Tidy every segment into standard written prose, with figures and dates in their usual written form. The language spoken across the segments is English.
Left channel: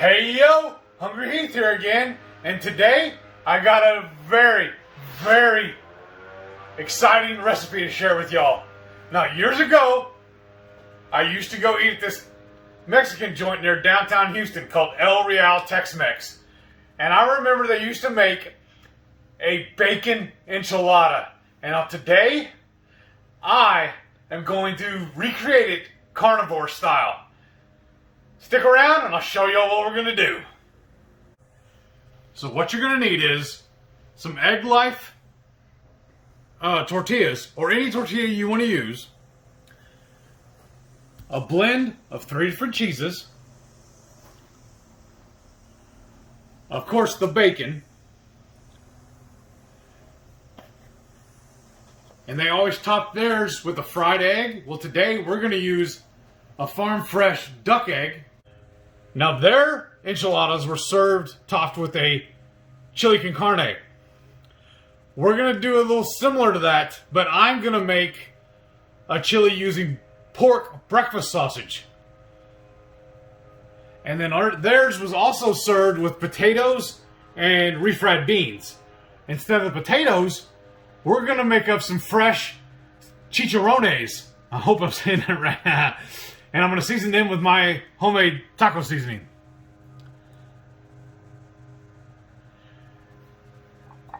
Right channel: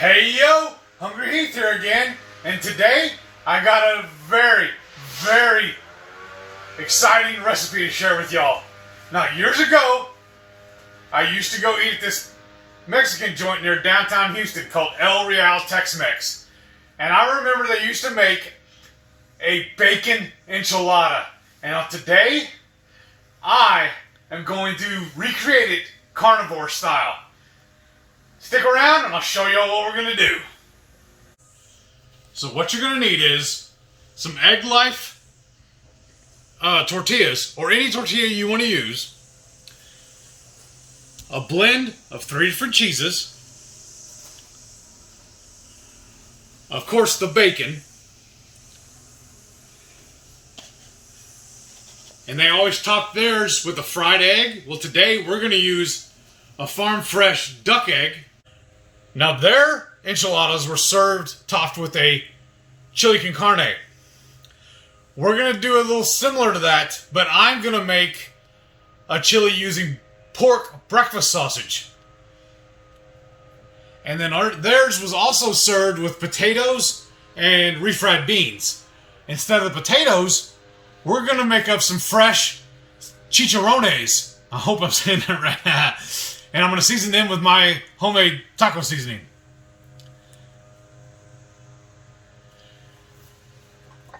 Hey yo, Hungry Heath here again, and today I got a very, very exciting recipe to share with y'all. Now, years ago, I used to go eat at this Mexican joint near downtown Houston called El Real Tex-Mex, and I remember they used to make a bacon enchilada. And now today, I am going to recreate it carnivore style. Stick around and I'll show you all what we're going to do. So what you're going to need is some Egg Life tortillas, or any tortilla you want to use, a blend of 3 different cheeses, of course the bacon, and they always top theirs with a fried egg. Well, today we're going to use a farm fresh duck egg. Now, their enchiladas were served topped with a chili con carne. We're going to do a little similar to that, but I'm going to make a chili using pork breakfast sausage. And then theirs was also served with potatoes and refried beans. Instead of the potatoes, we're going to make up some fresh chicharrones. I hope I'm saying that right. And I'm going to season them with my homemade taco seasoning.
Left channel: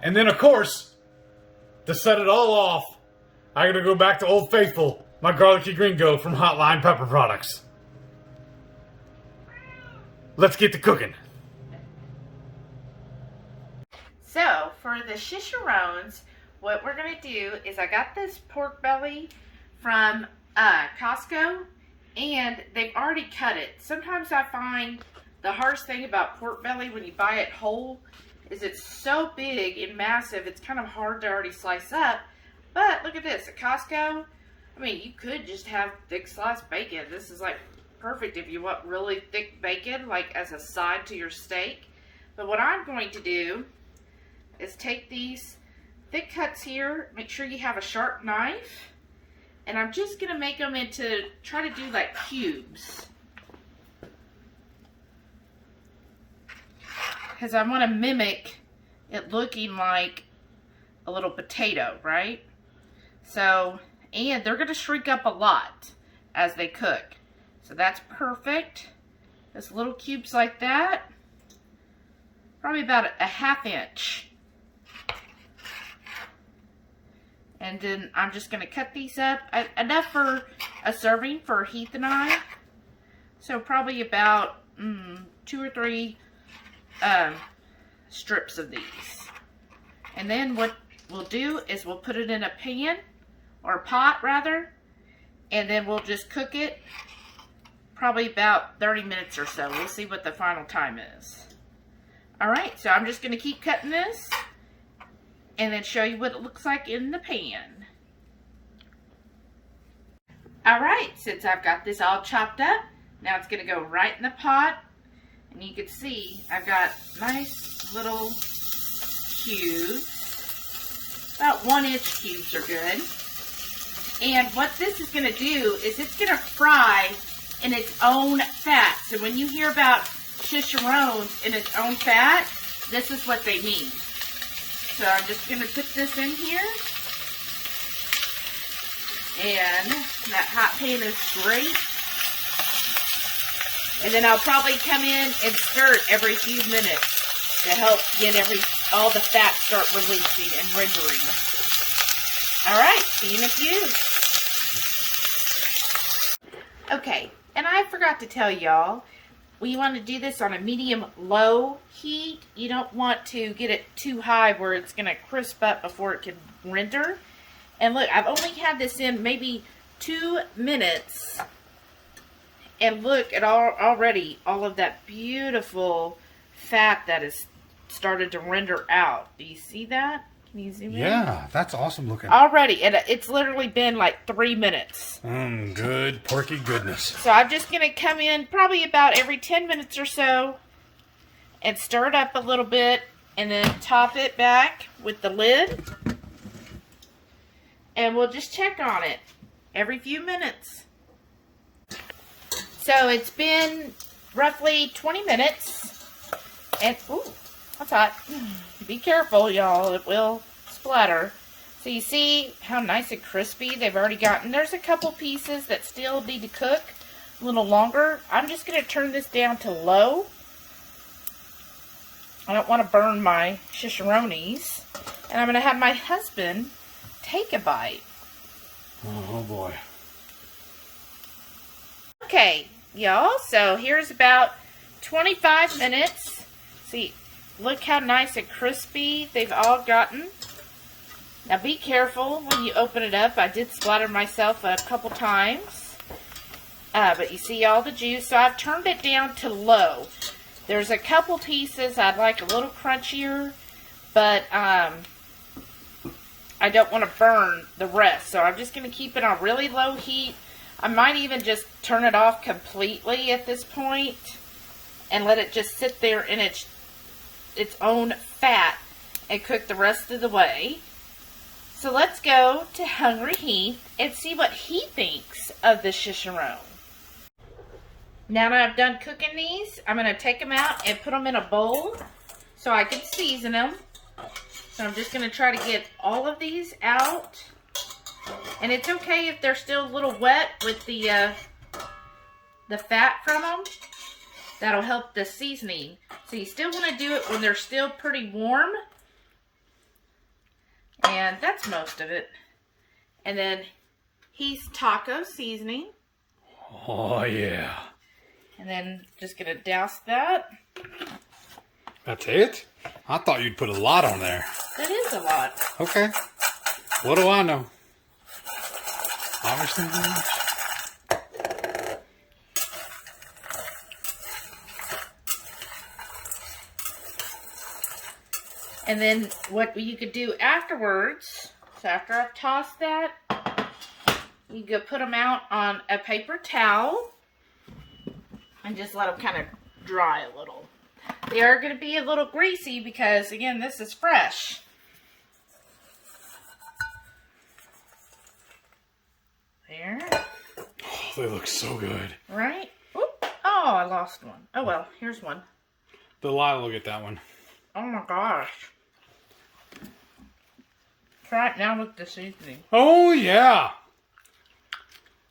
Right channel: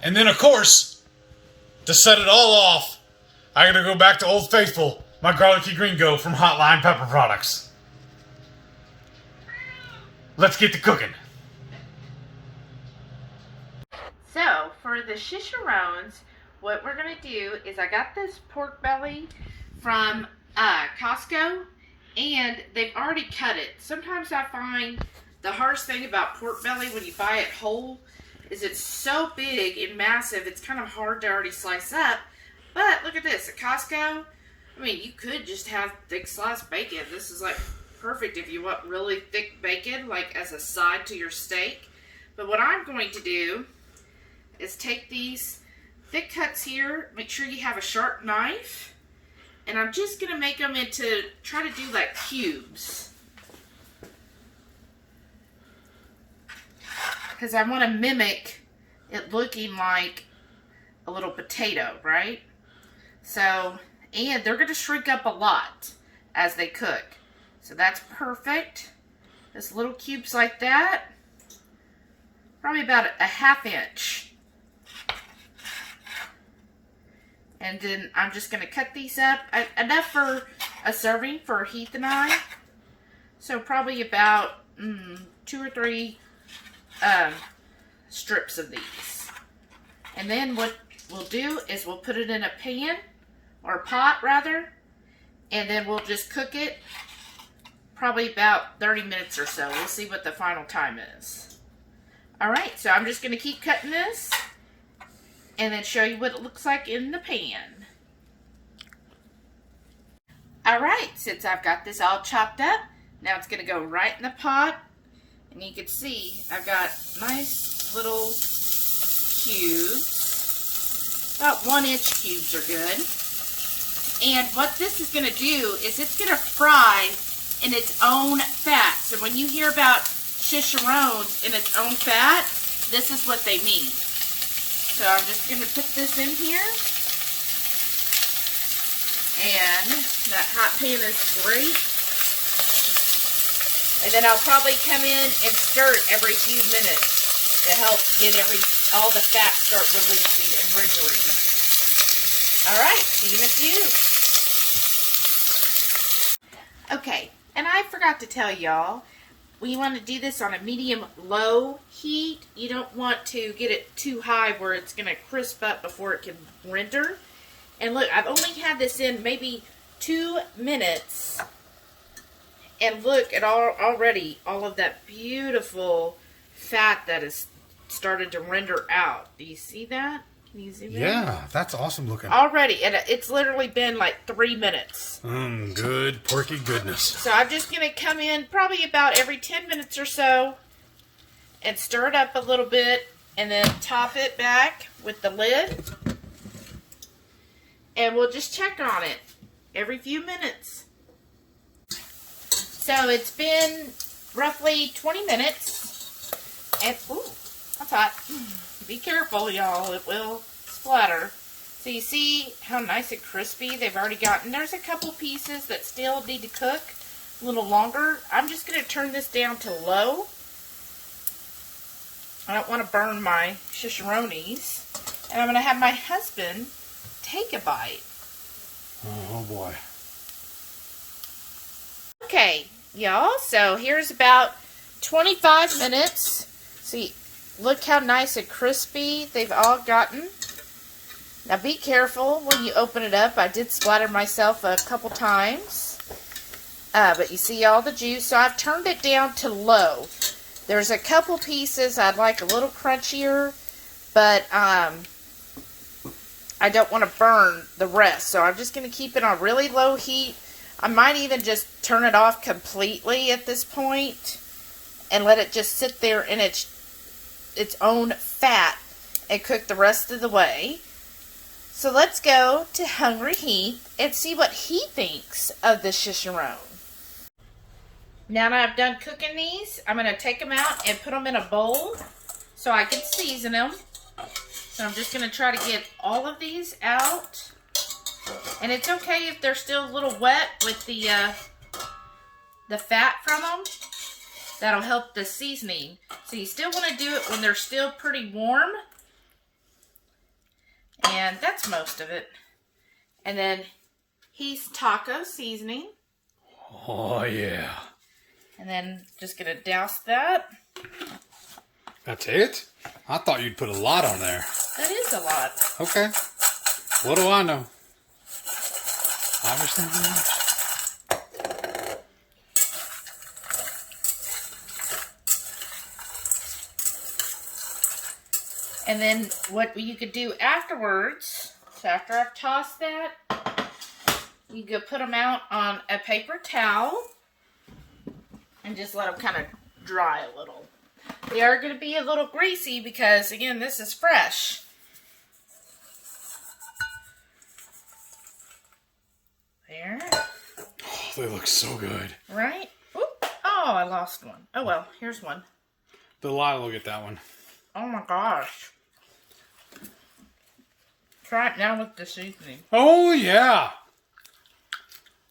And then, of course, to set it all off, I got to go back to Old Faithful, my garlicky gringo from Hotline Pepper Products. Let's get to cooking. So, for the chicharrones, what we're going to do is I got this pork belly from Costco, and they've already cut it. Sometimes I find the hardest thing about pork belly when you buy it whole is it's so big and massive, it's kind of hard to already slice up. But look at this, at Costco, I mean, you could just have thick sliced bacon. This is like perfect if you want really thick bacon, like as a side to your steak. But what I'm going to do is take these thick cuts here, make sure you have a sharp knife, and I'm just going to make them into, try to do like cubes. Because I want to mimic it looking like a little potato, right? So, and they're going to shrink up a lot as they cook. So that's perfect. Just little cubes like that. Probably about a ½ inch. And then I'm just going to cut these up. Enough for a serving for Heath and I. So probably about 2 or 3 strips of these. And then what we'll do is we'll put it in a pan, or a pot rather. And then we'll just cook it probably about 30 minutes or so. We'll see what the final time is. Alright, so I'm just going to keep cutting this and then show you what it looks like in the pan. Alright, since I've got this all chopped up, now it's going to go right in the pot. And you can see I've got nice little cubes. About 1-inch cubes are good. And what this is going to do is it's going to fry in its own fat. So when you hear about chicharrones in its own fat, this is what they mean. So I'm just going to put this in here. And that hot pan is great. And then I'll probably come in and stir it every few minutes to help get all the fat start releasing and rendering. Alright, see you in a few. Okay, and I forgot to tell y'all, we want to do this on a medium-low heat. You don't want to get it too high where it's going to crisp up before it can render. And look, I've only had this in maybe 2 minutes. And look at already all of that beautiful fat that has started to render out. Do you see that? Can you zoom in? Yeah, that's awesome looking. Already, and it's literally been like 3 minutes. Good porky goodness. So I'm just going to come in probably about every 10 minutes or so and stir it up a little bit and then top it back with the lid. And we'll just check on it every few minutes. So it's been roughly 20 minutes. And, ooh, that's hot. Be careful, y'all. It will splatter. So you see how nice and crispy they've already gotten. There's a couple pieces that still need to cook a little longer. I'm just going to turn this down to low. I don't want to burn my chicharrones. And I'm going to have my husband take a bite. Oh boy. Okay, y'all, so here's about 25 minutes. See, look how nice and crispy they've all gotten. Now be careful when you open it up. I did splatter myself a couple times. But you see all the juice. So I've turned it down to low. There's a couple pieces I'd like a little crunchier, but I don't want to burn the rest. So I'm just going to keep it on really low heat. I might even just turn it off completely at this point and let it just sit there in its own fat and cook the rest of the way. So let's go to Hungry Heath and see what he thinks of the chicharron. Now that I've done cooking these, I'm going to take them out and put them in a bowl so I can season them. So I'm just going to try to get all of these out. And it's okay if they're still a little wet with the fat from them. That'll help the seasoning. So you still want to do it when they're still pretty warm. And that's most of it. And then Heath's taco seasoning. Oh yeah. And then just gonna douse that. That's it? I thought you'd put a lot on there. That is a lot. Okay. What do I know? Obviously not much. And then what you could do afterwards, so after I've tossed that, you could put them out on a paper towel and just let them kind of dry a little. They are going to be a little greasy because, again, this is fresh. There. Oh, they look so good. Right? Oop. Oh, I lost one. Oh, well, here's one. Delilah will get that one. Oh, my gosh. Try it now with the seasoning. Oh, yeah.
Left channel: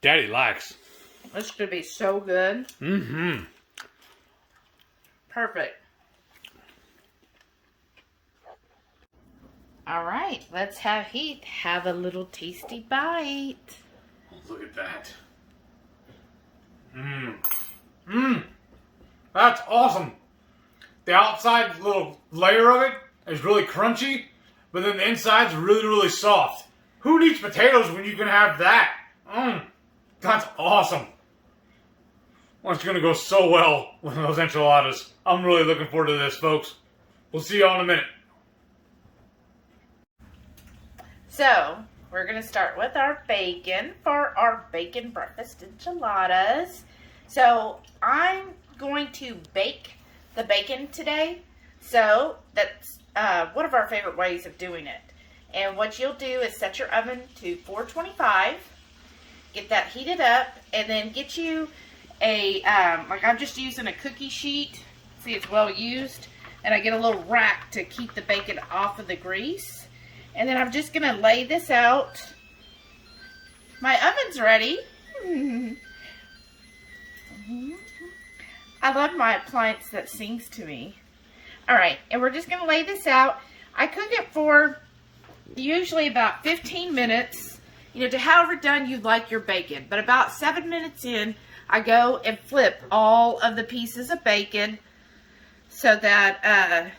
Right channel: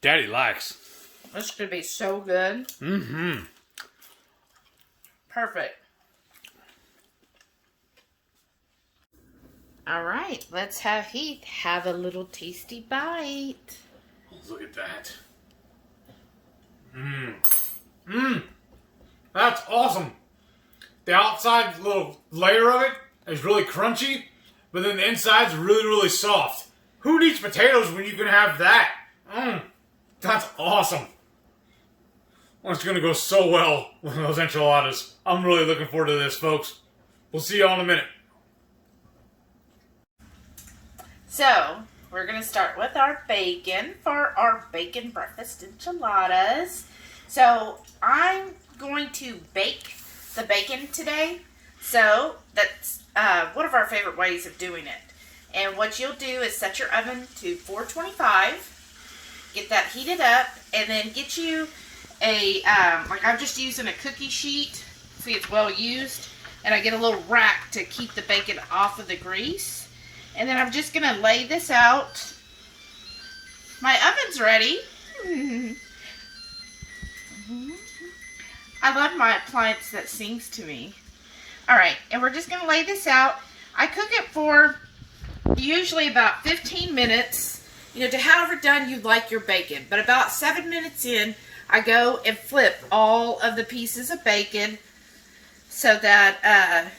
Daddy likes. This could be so good. Mm-hmm. Perfect. All right, let's have Heath have a little tasty bite. Look at that. Mmm. Mmm. That's awesome. The outside little layer of it is really crunchy, but then the inside's really, really soft. Who needs potatoes when you can have that? Mmm. That's awesome. Well, it's going to go so well with those enchiladas. I'm really looking forward to this, folks. We'll see y'all in a minute. So, we're going to start with our bacon for our bacon breakfast enchiladas. So, I'm going to bake the bacon today. So, that's one of our favorite ways of doing it. And what you'll do is set your oven to 425. Get that heated up, and then get you a, like I'm just using a cookie sheet. See, it's well used. And I get a little rack to keep the bacon off of the grease. And then I'm just going to lay this out. My oven's ready. I love my appliance that sings to me. Alright, and we're just going to lay this out. I cook it for usually about 15 minutes. You know, to however done you like your bacon. But about 7 minutes in, I go and flip all of the pieces of bacon so that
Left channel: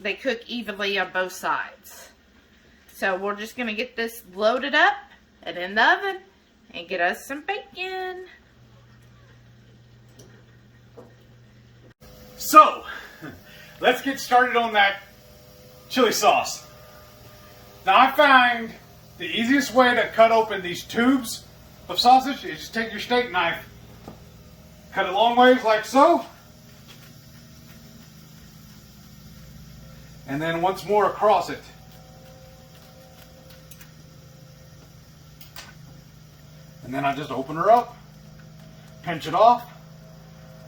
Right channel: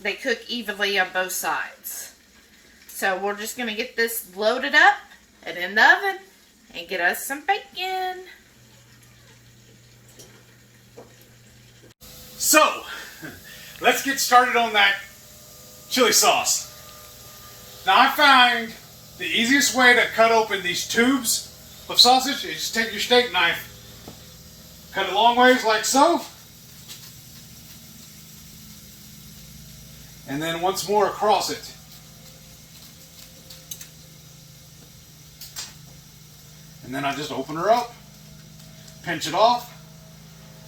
they cook evenly on both sides. So we're just going to get this loaded up and in the oven and get us some bacon. So, let's get started on that chili sauce. Now I find the easiest way to cut open these tubes of sausage is just take your steak knife, cut it long ways like so, and then once more across it. And then I just open her up, pinch it off,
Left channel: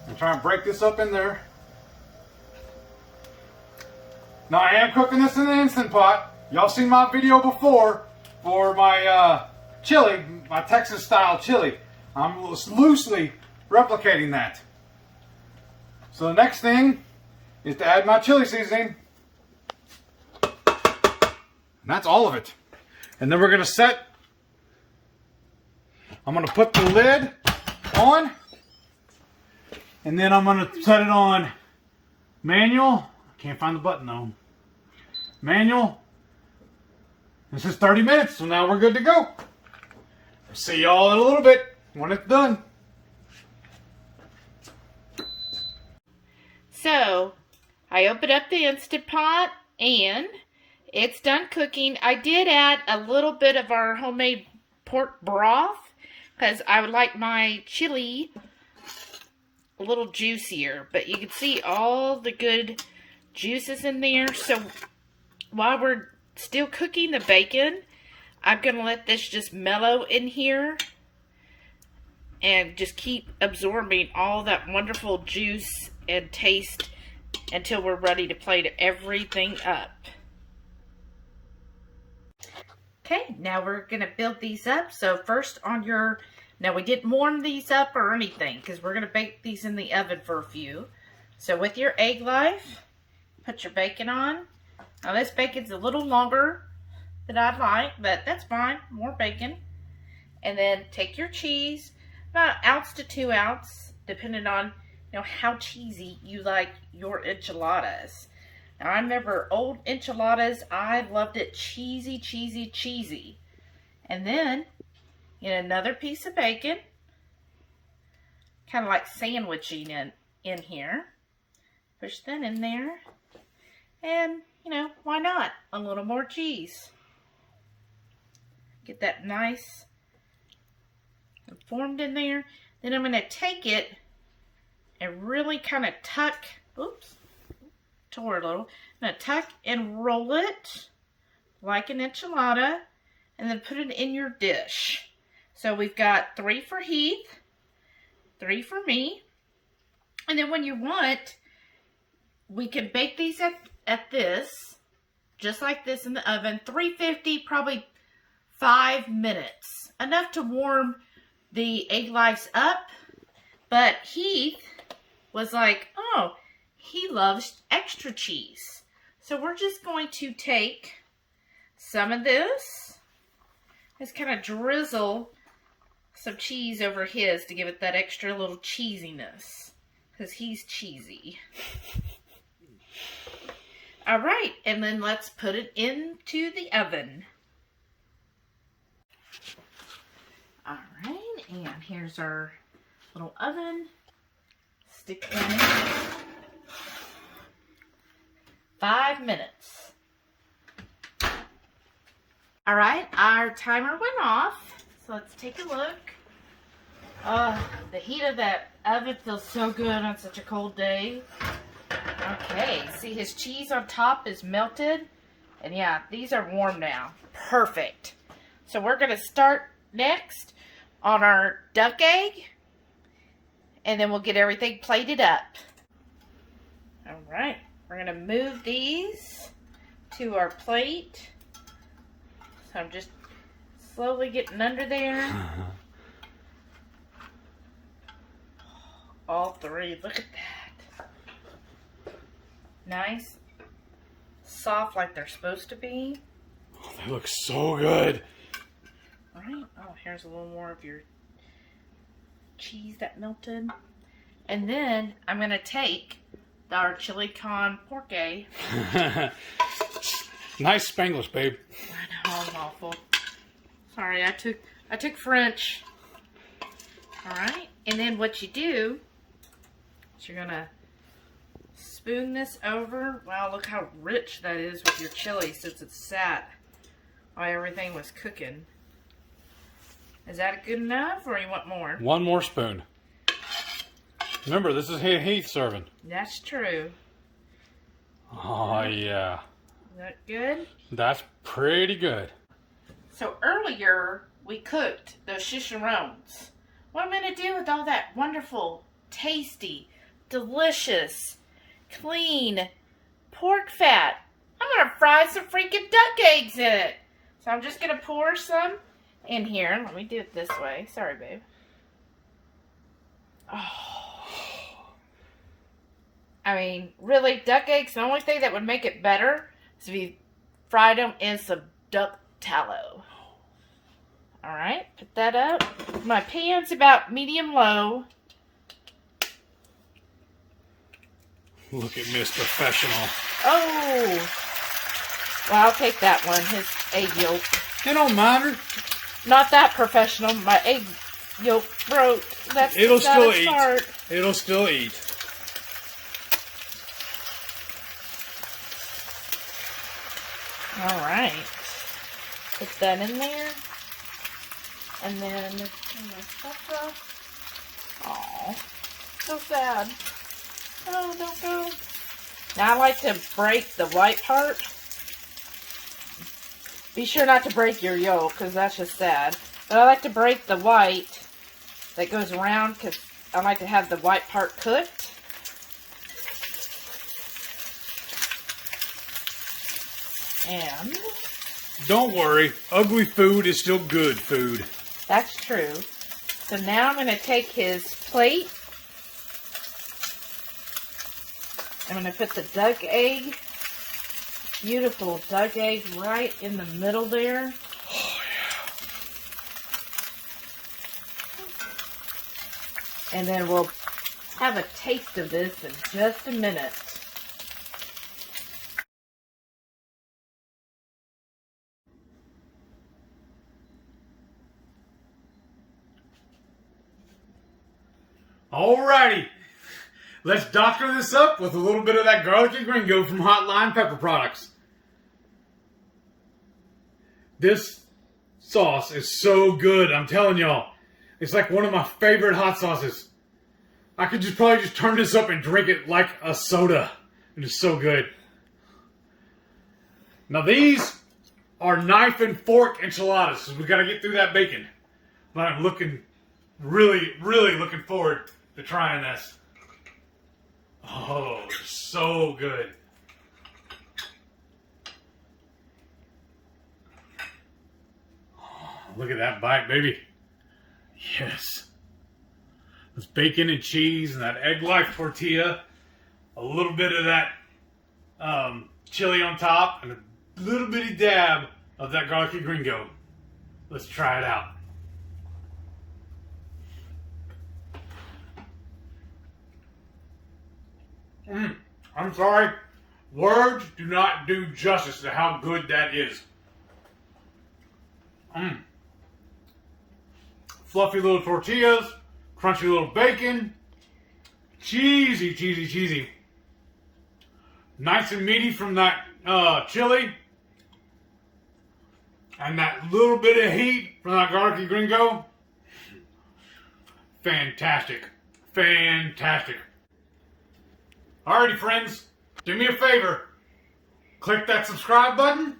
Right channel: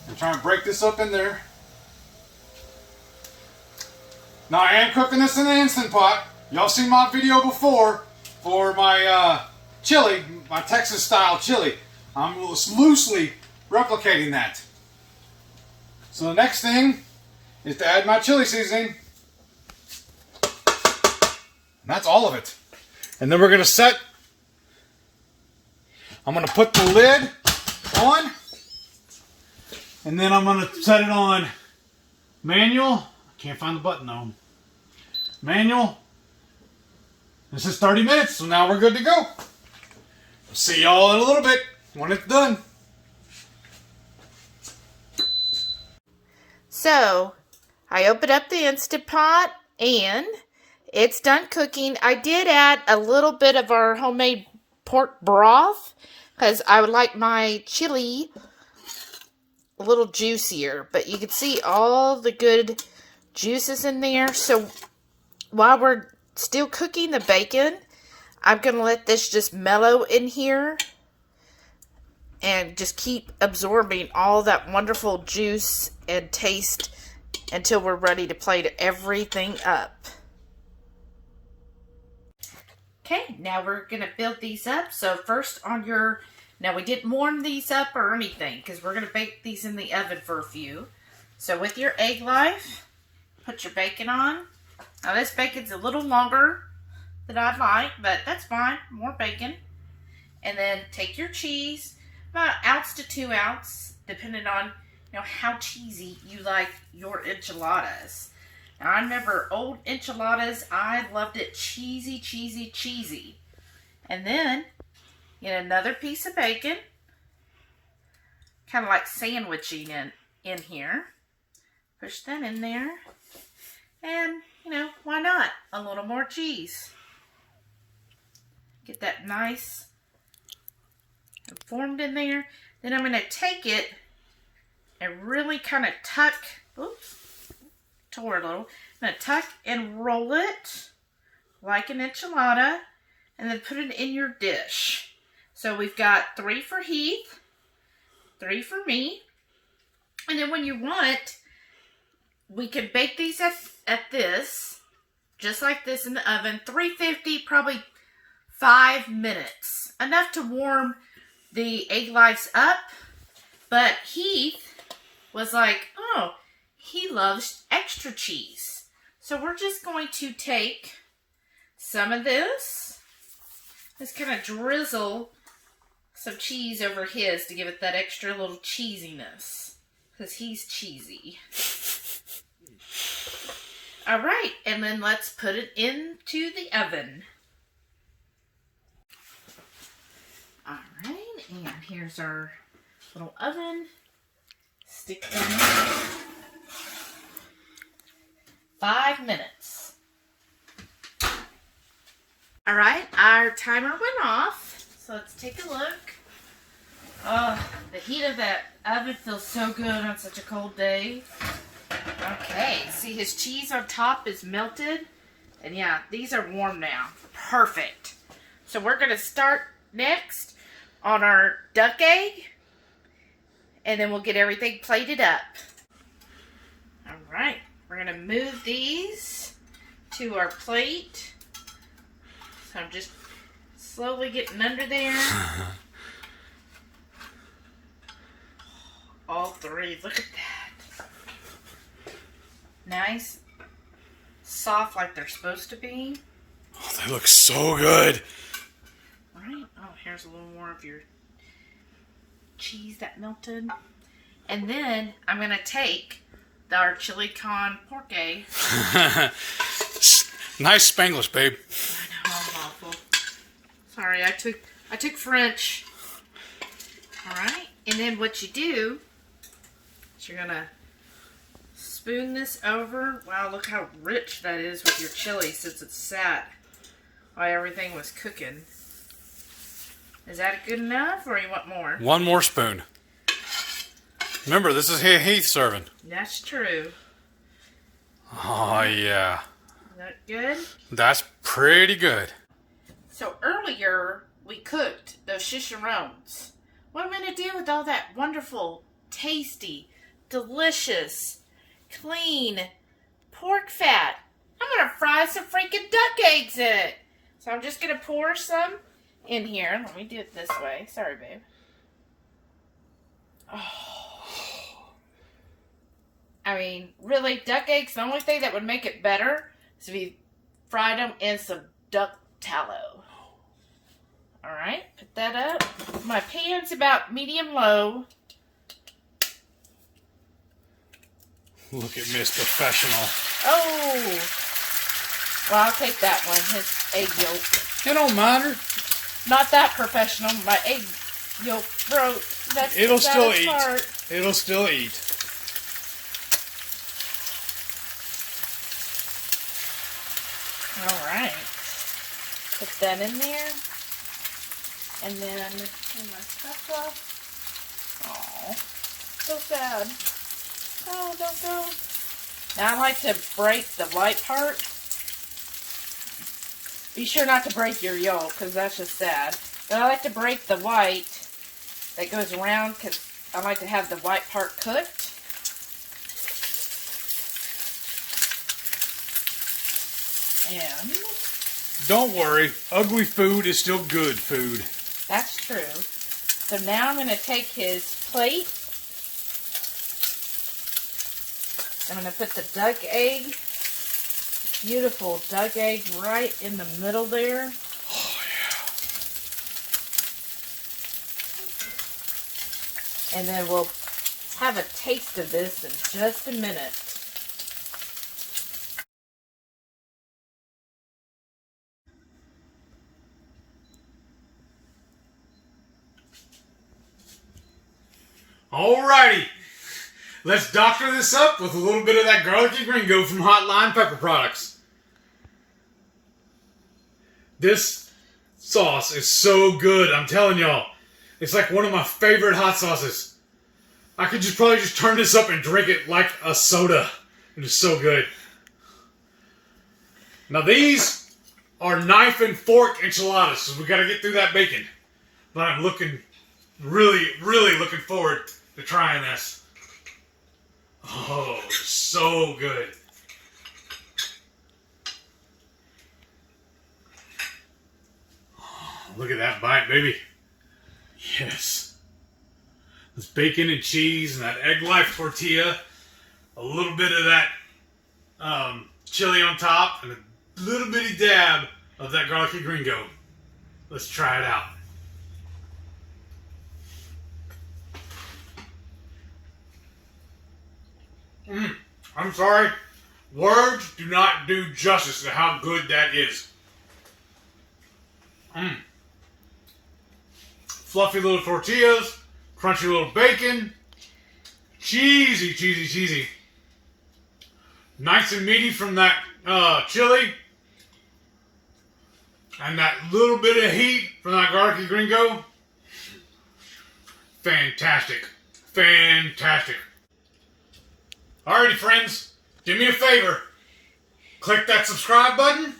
I'm trying to break this up in there. Now I am cooking this in the Instant Pot. Y'all seen my video before for my chili, my Texas style chili. I'm loosely replicating that. So the next thing is to add my chili seasoning. And that's all of it. And then we're going to set, I'm going to put the lid on. And then I'm going to set it on manual. I can't find the button though. Manual. This is 30 minutes, so now we're good to go. See y'all in a little bit when it's done. So, I opened up the Instant Pot and it's done cooking. I did add a little bit of our homemade pork broth because I would like my chili a little juicier. But you can see all the good juices in there. So, while we're still cooking the bacon, I'm going to let this just mellow in here and just keep absorbing all that wonderful juice and taste until we're ready to plate everything up. Okay, now we're going to build these up. So first on your, now we didn't warm these up or anything because we're going to bake these in the oven for a few. So with your egg life, put your bacon on. Now this bacon's a little longer than I'd like, but that's fine. More bacon. And then take your cheese, about 1 ounce to 2 ounces, depending on how cheesy you like your enchiladas. Now I remember old enchiladas, I loved it cheesy, cheesy, cheesy. And then get another piece of bacon, kind of like sandwiching in here. Push that in there. And, why not? A little more cheese. Get that nice and formed in there. Then I'm going to take it and really kind of tuck, oops, tore a little. I'm going to tuck and roll it like an enchilada and then put it in your dish. So we've got 3 for Heath, 3 for me. And then when you want, we can bake these at this, just like this in the oven, 350, probably 5 minutes. Enough to warm the egg lives up. But Heath was like, oh, he loves extra cheese. So we're just going to take some of this, just kind of drizzle some cheese over his to give it that extra little cheesiness. Because he's cheesy. All right, and then let's put it into the oven. All right, and here's our little oven. Stick in it. 5 minutes. All right, our timer went off, so let's take a look. The heat of that oven feels so good on such a cold day. Okay, see his cheese on top is melted. And yeah, these are warm now. Perfect. So we're going to start next on our duck egg. And then we'll get everything plated up. Alright, we're going to move these to our plate. So I'm just slowly getting under there. All 3, look at that. Nice, soft like they're supposed to be. Oh, they look so good. All right, oh, here's a little more of your cheese that melted. And then I'm going to take our chili con pork. Nice Spanglish, babe. I know, I'm awful. Sorry, I took French. All right, and then what you do is you're going to spoon this over. Wow, look how rich that is with your chili since it's sat while everything was cooking. Is that good enough or you want more? 1 more spoon. Remember, this is Heath serving. That's true. Oh, yeah. Is that good? That's pretty good. So earlier, we cooked those chicharrones. What am I going to do with all that wonderful, tasty, delicious, clean pork fat. I'm going to fry some freaking duck eggs in it. So I'm just going to pour some in here. Let me do it this way. Sorry, babe. Oh. I mean, really, duck eggs, the only thing that would make it better is if you fried them in some duck tallow. Alright, put that up. My pan's about medium-low. Look at Miss Professional. Oh! Well, I'll take that one, his egg yolk. It don't matter. Not that professional. My egg yolk broke. That's It'll still eat. eat. It'll still eat. Alright. Put that in there. And then turn my stuff up. Aw. So sad. Oh, don't go. Now I like to break the white part. Be sure not to break your yolk, because that's just sad. But I like to break the white that goes around, because I like to have the white part cooked. And don't worry, ugly food is still good food. That's true. So now I'm going to take his plate. I'm going to put the duck egg, beautiful duck egg, right in the middle there. Oh, yeah. And then we'll have a taste of this in just a minute. Alrighty, let's doctor this up with a little bit of that garlicky gringo from Hot Lime Pepper Products. This sauce is so good, I'm telling y'all. It's like one of my favorite hot sauces. I could probably just turn this up and drink it like a soda. It is so good. Now these are knife and fork enchiladas, so we gotta get through that bacon. But I'm really looking forward to trying this. Oh, so good. Oh, look at that bite, baby. Yes. This bacon and cheese and that egg life tortilla. A little bit of that chili on top and a little bitty dab of that garlicky gringo. Let's try it out. I'm sorry. Words do not do justice to how good that is. Fluffy little tortillas, crunchy little bacon, cheesy. Nice and meaty from that chili. And that little bit of heat from that garlicky gringo. Fantastic. Alrighty, friends, do me a favor. Click that subscribe button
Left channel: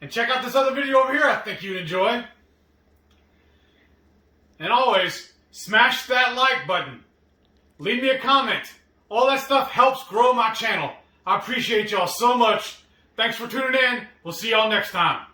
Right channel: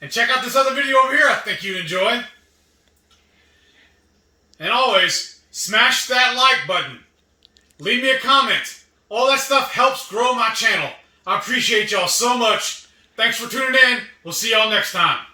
and check out this other video over here I think you'd enjoy. And always, smash that like button. Leave me a comment. All that stuff helps grow my channel. I appreciate y'all so much. Thanks for tuning in. We'll see y'all next time.